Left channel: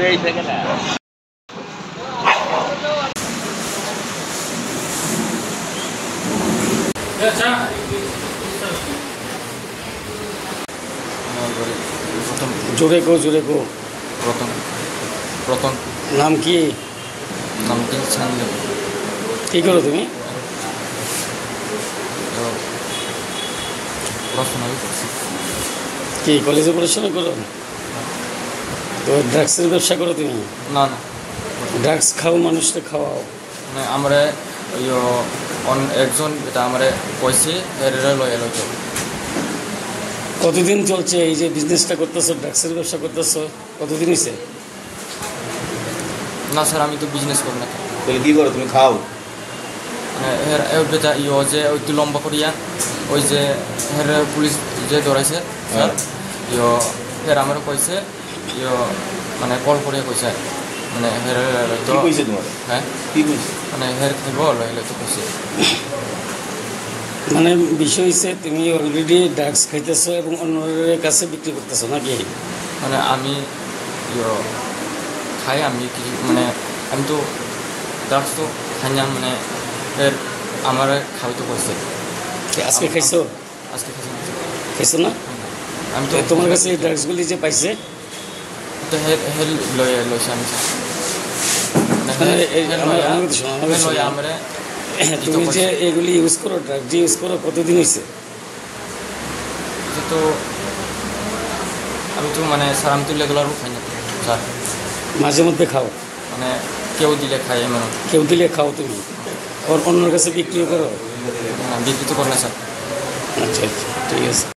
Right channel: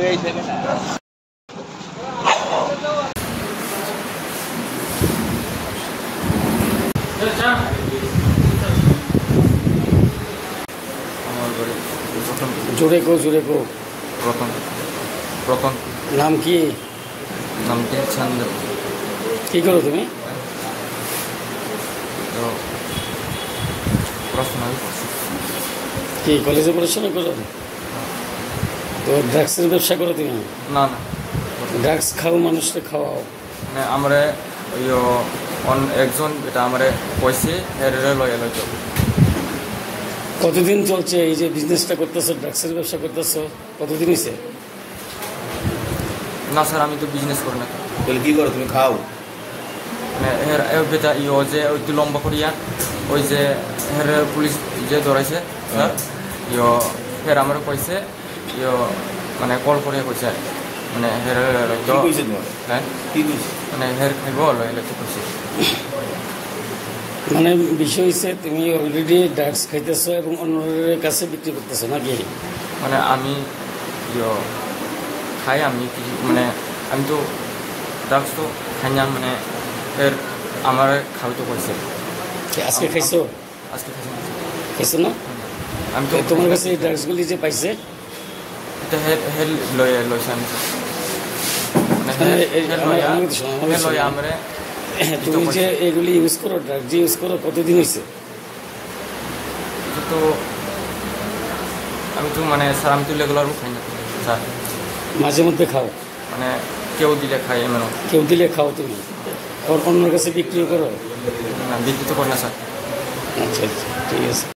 জোরে কো রতন নাম কি? নামটি চান্দি। কি করো তুমি? কি কলেজে পড়াশোনা করো? তো ড্রাগসের ব্যবসা করো তুমি? না ড্রাগস খাও, মানুষকে খাওয়াও? মানে আমরা একজন এটা আমরা কইছে লয়ে লইছে। কতদিন চলছে এই যে বিজনেসটা করতেছো, ড্রাগসের ব্যবসা করতেছো? কতদিন হয়েছে? না স্যার, আমি তো বিজনেস করি না। তাহলে কি করো তুমি? খাও? মানে বেটা যে ওই তো লম্বা করিয়া ওই যে পুলিশ যে ধরাইছে স্যার, আমরা কইছে মানে কল করিয়া কইছে মানে কি কইছে তোমার? হ্যাঁ কি কইছে? মানে দিব লইলে তো কইছে। মানে বিষয় হচ্ছে তুমি অলরেডি ড্রাগস খাইতেছো এবং অন্যের কাছে বিক্রি করতেছো নাকি? মানে আমি খাই, আমি কিছু মানে আমি তো ড্রাগস তো খাই না, মানে আমার খাইতে কইছে। আজকে খাইছো? আজকে খাইছো না? আমি তো তোমার কাছে এই ড্রাগসগুলি যে পাইছে লইছে আমি আমরা তুমি যে এগুলি ইউজ করো, ড্রাগ যে ইউজ করো, কতদিন হয়েছে? তো আমি তো মানে স্যার আমি তো রেগুলারও খাই না স্যার, মাঝে মধ্যে খাও? মানে কেউ দিলে খাই, মানে কেউ দিলে খাও তুমি? অন্যের কাছে বিক্রি করো? বিক্রি তো করে না স্যার। আচ্ছা, ঠিক আছে।